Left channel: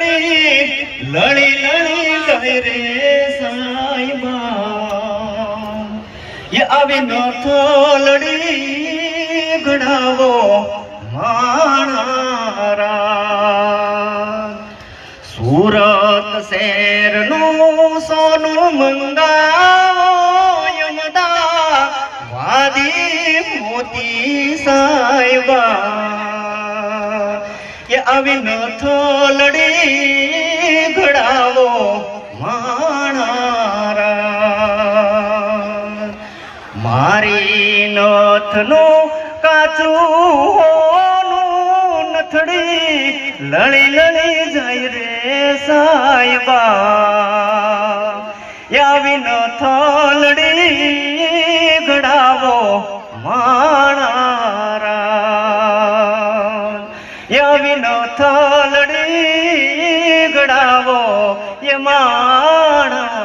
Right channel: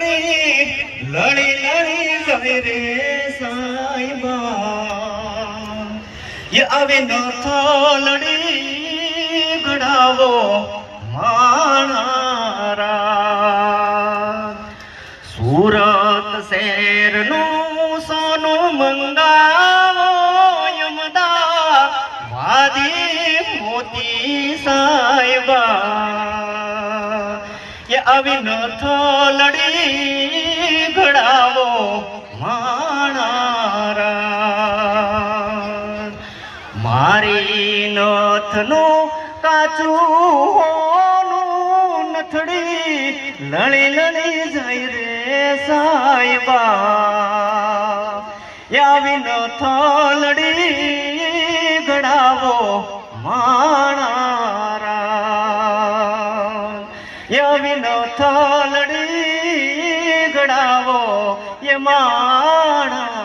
લળી લળી જાય રે સાઈબા એ આવે ન થોલડી ઘડાવો માણારા સુરત શહેરનું સોનું મંગાવો યમદા વાદી મોતી સાઈબા એ આવી ન થોલડી ઘડાવો માણારા મારી નથનું કાચું હોનું નથડી લળી લળી જાય રે સાઈબા આવી ન થોલડી ઘડાવો માણારા આવી ન થોલડી ઘડાવો એ માણા